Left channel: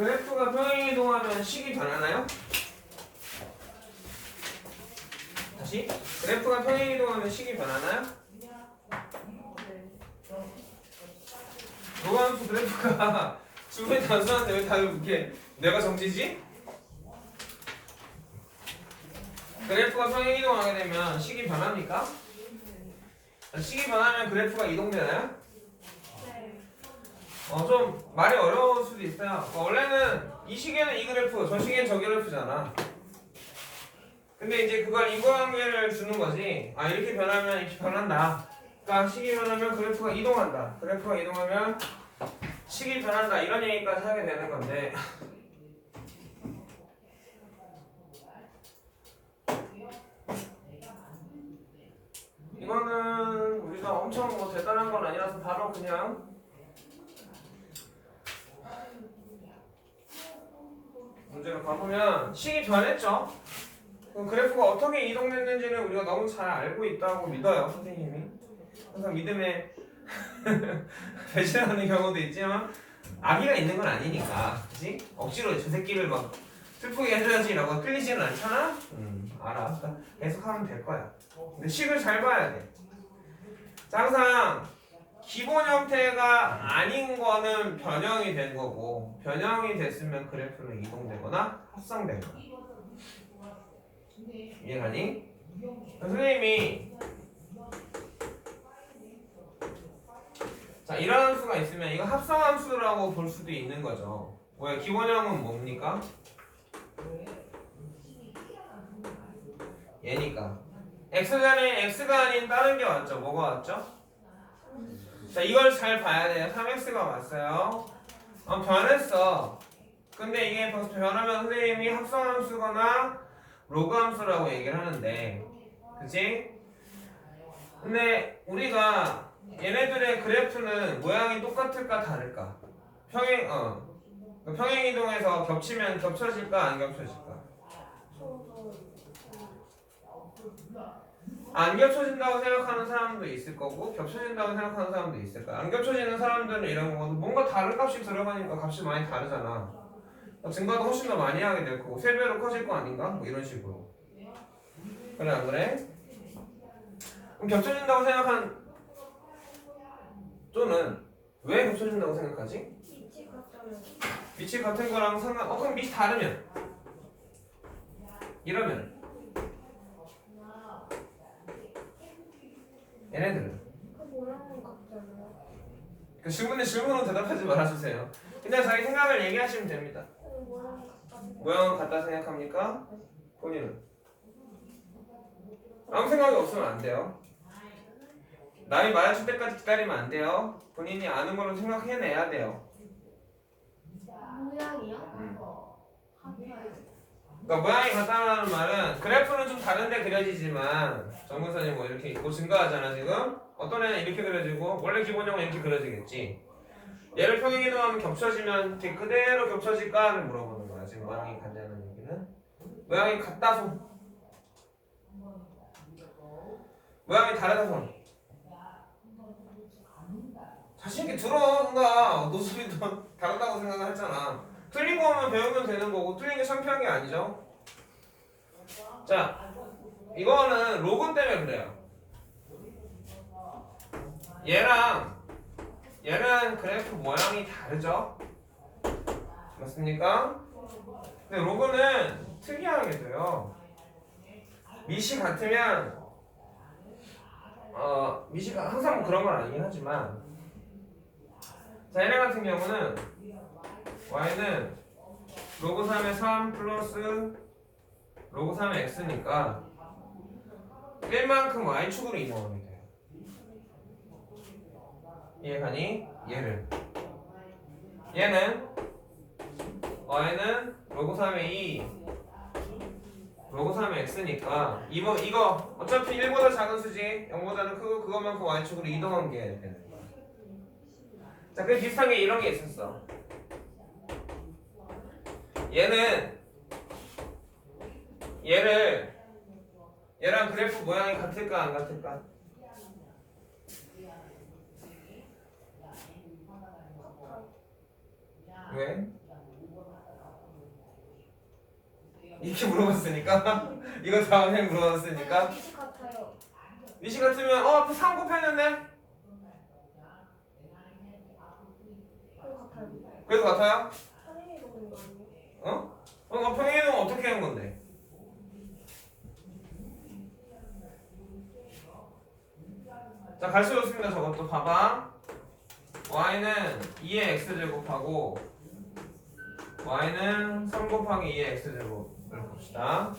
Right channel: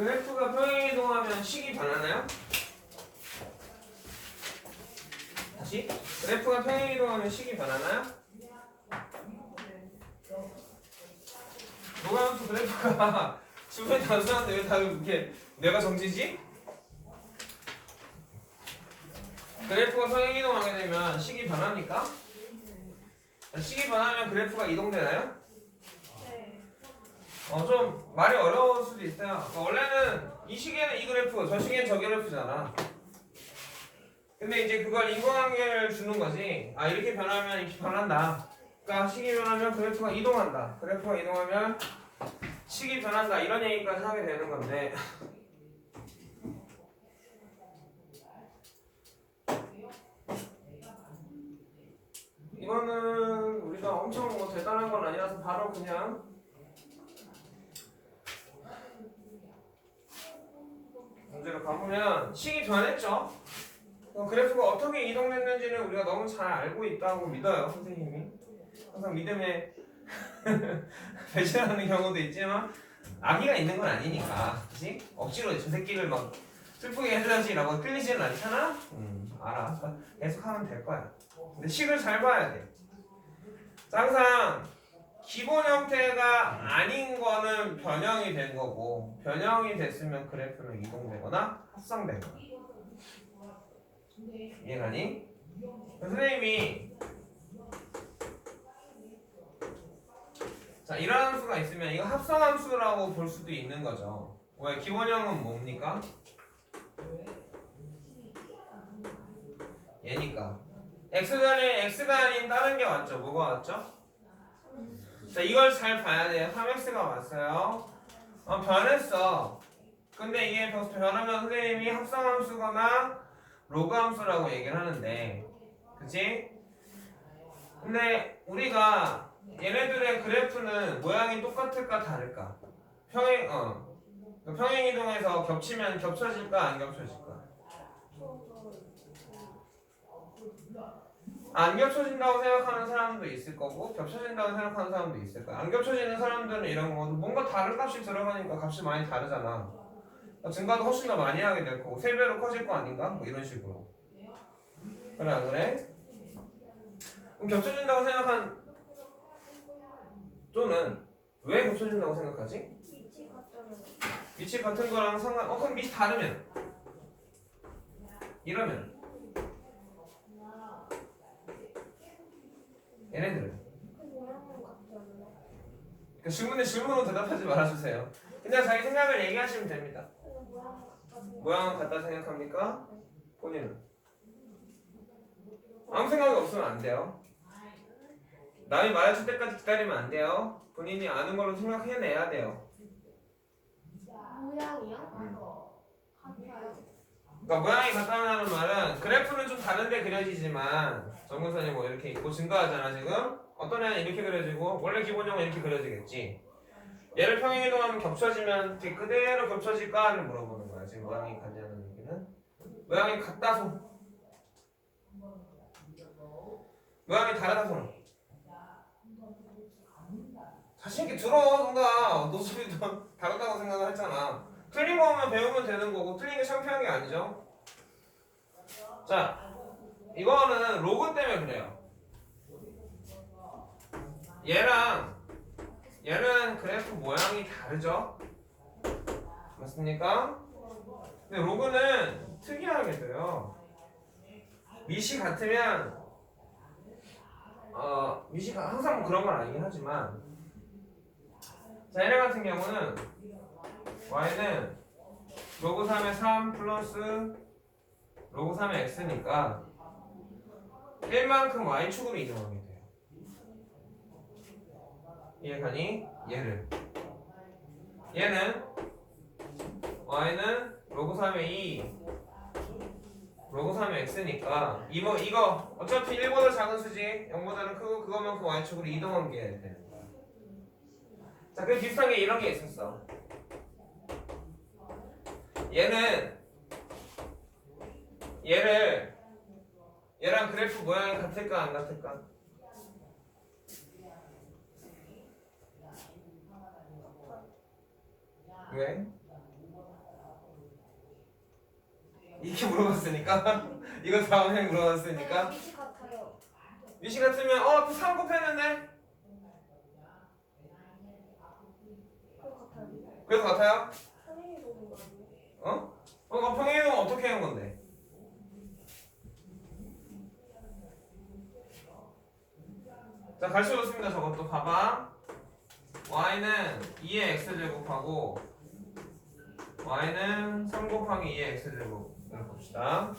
그래프가 평행 이동하면 식이 변하나요? 다시 그래프가 평행 이동하면 식이 변하나요? 노감수 그래프가 주변 단수한테 왜다 이렇게 내가 정지지? 그래프가 평행 이동하게 되면 식이 변합니까? 식이 변하면 그래프가 이동되나요? 어 좀 말이 어려울 수도 있어요. 어, 원래는 이 시계는 이 그래프, 저 시계는 저 그래프잖아. 근데 이제 그걸 인과관계를 주는 거지. 아 이렇게 변하면 이렇게 변한다. 그러니까 식이 변하면 그래프가 이동한다. 그래프가 이동하면 식이 변한다. 이런 얘기까지 하게 되는 건데. 이거는 우리가 엄청 뭐 대단한 건 아니라서 바로 그냥 가보면 식이 변했죠. 그래프가 어떻게 이동됐는지는 우리가 너무 잘 알고 있다고 믿어요, 선생님이. 항상 믿음에 배신하는 경우도 있지만 악의가 있는 건 아니니까, 그지? 억지로 저 새끼를 막 슬프게 해줘야지라고 끌리지는 않잖아. 음, 알아. 그러니까 계속 하면 될 거야. 근데 식을 잘 봐야 돼. 자, 항상 기본 형태가 아닌 거는 변형이 된 거고 변형이 됐으면 그래프는 이동되거나 합성되거나 이해가니? 선생님이 자 이런 함수가 있으면 이거 합성함수라고 볼 수도 있는 거죠 왜 기본형은 뭡니까? 얘니까 x간에 x가 아닌 다른 게 왔죠 뭐가 왔죠? 자 이걸 잘 봐야 돼요 3x가 왔어요 어, 변했어 근데 이게 벌써 변하면 선생님이 합성함수거나 로그함수라고 얘기를 하는데 그치? 근데 우리가 얘네들의 그래프는 모양이 똑같을까 다를까? 평행 어 평행 이동해서 겹치면 겹쳐질까 안 겹쳐질까? 안 겹쳐진다고 생각하는 사람도 있을 거고 겹쳐진다고 생각하는 사람도 있을 거야. 안 겹쳐지는 사람들은 이런 거거든. 뭔가 다른 값이 들어가니까 값이 많이 다르잖아. 그러니까 증가도 훨씬 더 많이 하게 될 거고 세 배로 커질 거 아닌가? 뭐 이런 식으로. 그래 안 그래? 그럼 겹쳐진다고 생각한 또는 왜 겹쳐진다고 생각하지? 위치 같은 거랑 상관 어 그럼 밑이 다르면 이러면 얘네들은 그 질문에 질문으로 대답하지 말아주세요. 그냥 자기 생각을 얘기하시면 됩니다. 모양은 같다 생각합니까? 본인은? 아무 생각이 없으면 안 돼요. 남이 말해줄 때까지 기다리면 안 돼요. 본인이 아는 걸로 생각해내야 돼요. 모양이요? 음. 그러니까 모양이 같다는 말은 그래프는 좀 다른데 그려지지만 정근선이 뭐 이렇게 있고 증가하잖아 지금? 어떤 애는 이렇게 그려지고 원래 기본형은 이렇게 그려지겠지. 얘를 평행 이동하면 겹쳐지면 이렇게 그대로 겹쳐질까 를 물어보는 거야 지금 모양이 같냐는 얘기는. 모양이 같다 손. 모양이 다르다 손. 자신있게 들어 뭔가. 노숙이 다르다고 생각했잖아 틀린 거만 배우면 되는 거고 틀린 게 창피한 게 아니죠. 자, 이거는 로그 때문에 그래요. 얘랑 얘는 그래프 모양이 다르죠. 맞습니까? 근데 로그는 특이하게 돼요. 밑이 같으면 어 밑이 가- 항상 뭐 그런 건 아니긴 하지만 자 얘네 같은 경우는 y는 로그 3의 3 플러스 로그 3의 x니까 1만큼 y축으로 이동하게 돼요. 이해가니? 얘를 얘는 y는 로그 3의 2 로그 3의 x니까 이거 이거 어차피 1보다 작은 수지 0보다는 크고 그것만큼 y축으로 이동한 게 되는 거야. 자, 그 비슷한 게 이런 게 있었어. 얘는 얘를 얘랑 그래프 모양이 같을까 안 같을까? 왜? 이렇게 물어봤으니까 이거 다음에 물어봤으니까 같아요. 미시 같으면 어, 그3 곱했는데. 그래도 같아요? 선생님이 보는 거 아니에요? 어? 어, 평행이동 어떻게 하는 건데? 자, 갈수 좋습니다. 저것도 봐봐. y는 2의 x제곱하고 y는 3 곱하기 2의 x제곱을 봅시다.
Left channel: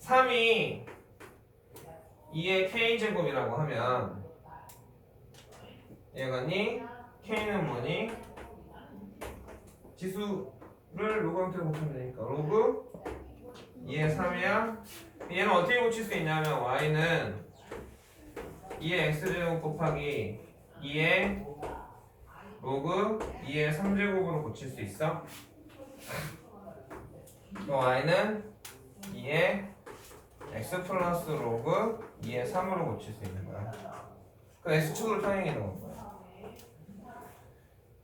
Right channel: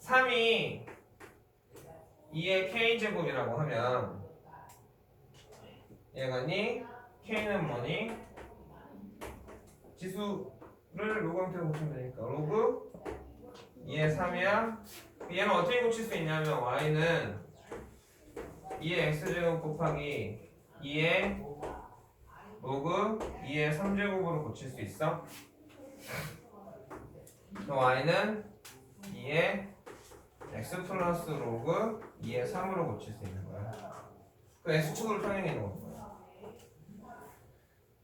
3이 2의 k제곱이라고 하면 얘가니 k는 뭐니? 지수 를 로그 형태로 고치면 되니까. 로그 2의 3이야. 얘는 어떻게 고칠 수 있냐면 y는 2의 x제곱 곱하기 2의 로그 2의 3제곱으로 고칠 수 있어? 또 y는 2의 x 플러스 로그 2의 3으로 고칠 수 있는 거야. 그 x축으로 평행해 놓은 거야.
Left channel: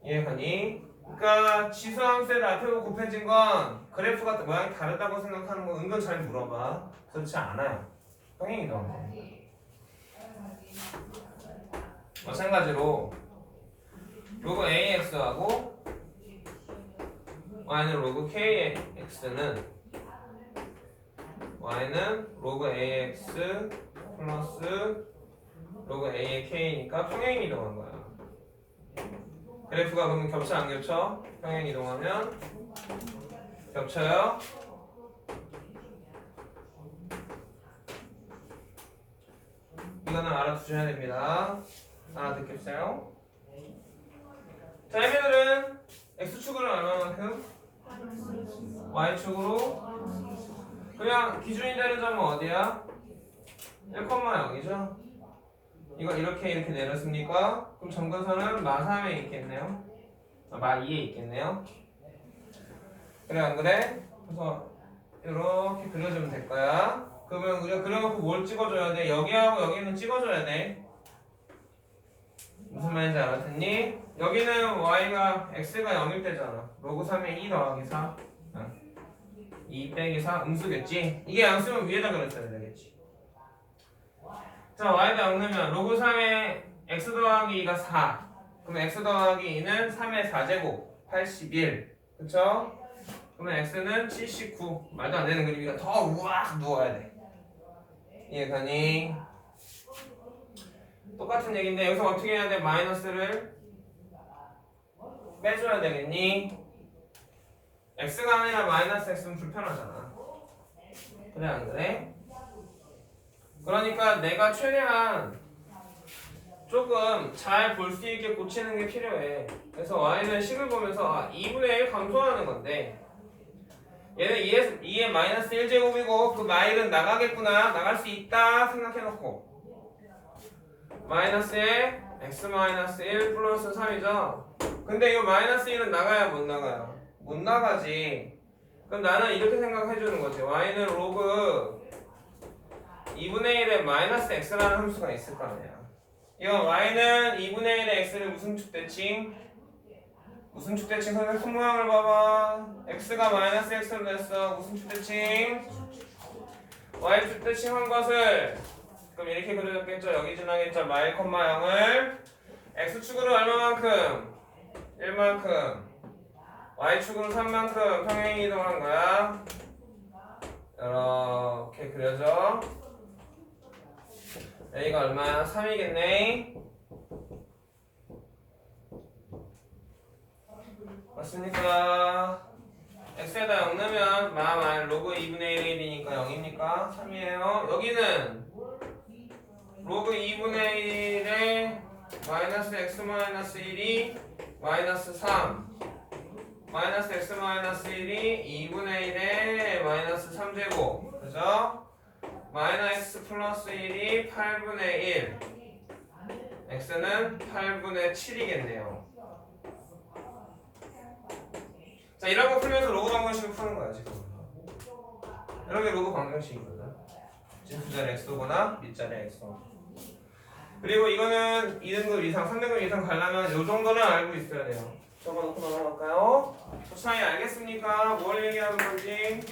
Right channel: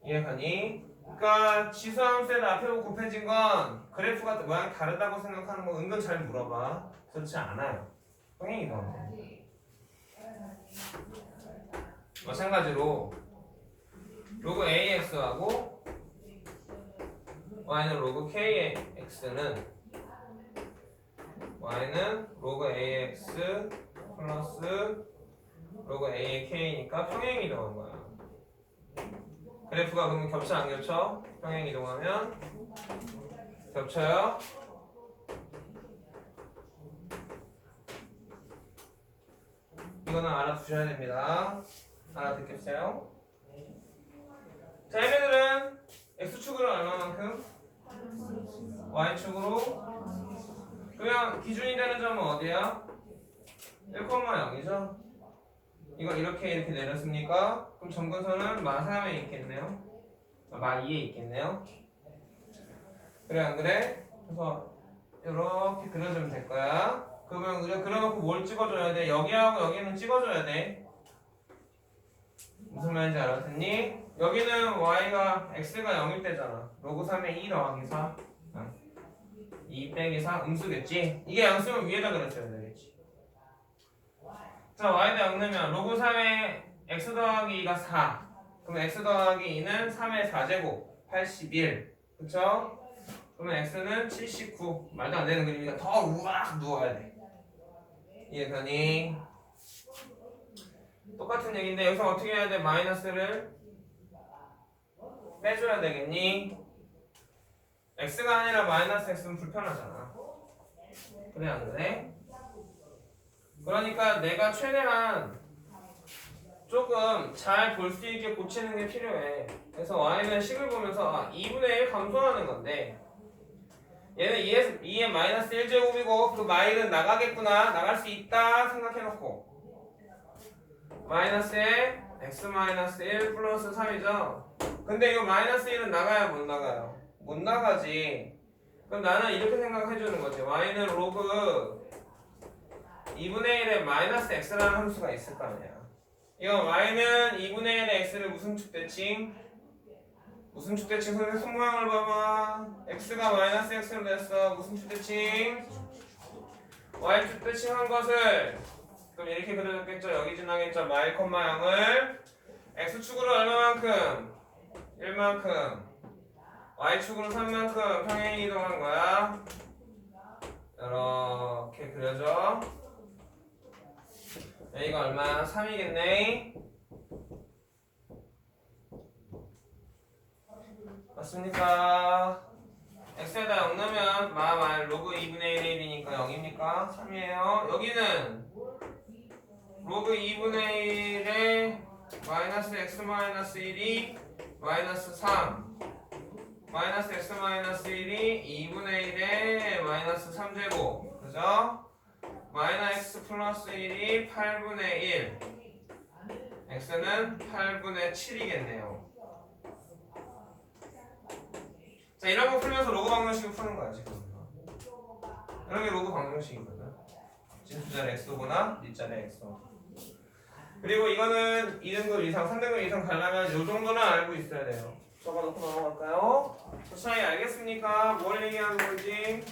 이해가니? 그러니까 지수함수에다 앞에 고 곱해진 건 그래프가 모양이 다르다고 생각하는 거 은근 잘 물어봐. 그렇지 않아요. 너무 마찬가지로 로그 AX하고 Y는 로그 KX는 Y는 로그 AX 플러스 로그 A의 K니까 평행 이동한 거야 그래프가 그러면 겹쳐 안 겹쳐? 평행 이동하면 겹쳐요. 이거는 알아두셔야 됩니다. 알아듣겠어요? 자, 얘네들은 x축으로 얼마만큼? y축으로 그냥 기준이 되는 점은 어디야? 1,0이죠? 이거 이렇게 이렇게 내렸습니까? 그럼 점근선은 마3에 있겠네요. 아, 마2에 있겠네요. 그래 안 그래? 그래서 이렇게 그려주면 될 거야. 그러면 우리가 그려놓고 뭘 찍어줘야 돼? 여기하고 여기는 찍어줘야 돼. 무슨 말인지 알았니? 여기는 y가 x가 0일 때잖아. 로그 3에 2 더하기 4. 어. 2 빼기 4 음수겠지? 이게 양수면 위에다 그렸어야 되겠지. 자, 0 넣으면 로그 3에 x 더하기 2가 4. 그럼 x 더하기 2는 3의 4제곱 81. 그쵸? 그러면 x는 79. 말도 안 되는 그림이니까 더 우악 누워야 돼. 이해가니? 똑같은 얘기인데 여기서 어떻게 해야 돼? 마이너스를 빼줘야 되겠니? x가 아니라 마이너스 x는 불편하잖아. 그래 안 그래? 그러니까 내가 최대한 조금 잘 볼 수 있게 고치는 게 필요해. 그래서 y는 식을 보면서 아, 2분의 1 감소하는 건데 얘는 2에, 2에 마이너스 1제곱이고 그 마일은 나가겠구나 나갈 수 있다 생각해놓고 마이너스에 x 마이너스 1 플러스 3이죠. 근데 이거 마이너스 1은 나가야 못 나가요? 못 나가지. 그럼 나는 이렇게 생각해주는 거지. y는 로그 2분의 1에 마이너스 x라는 함수가 있을 거 아니야. 이거 y는 2분의 1의 x를 무슨 축대칭? 무슨 축대칭? 선생님 손 모양을 봐봐. x가 마이너스 x로 됐어. 무슨 축대칭? y 축대칭 한 것을 그럼 이렇게 그려졌겠죠? 여기 지나겠죠? 마일 콤마 양을 x축으로 얼마만큼? 1만큼 y축으로 3만큼 평행 이동한 거야. 이렇게 그려져. 여기가 얼마야? 3이겠네. 맞습니까? x에다 0 넣으면 마마일 로그 2분의 1이 되니까 0입니까? 3이에요. 여기는 로그 2분의 1에 마이너스 x 마이너스 1이 마이너스 3 마이너스 x 마이너스 1이 2분의 1에 마이너스 3제곱 그죠? 마이너스 플러스 1이 8분의 1 x는 8분의 7이겠네요. 자 이런 거 풀면서 로그 방정식을 푸는 거야 지금. 이런 게 로그 방정식이거든 진수자리 x거나 밑자리 x. 그리고 이거는 2등급 이상 3등급 이상 가려면 이 정도는 알고 있어야 돼요. 적어놓고 넘어갈까요? 저 차이 알겠습니까? 뭘 얘기하는 건지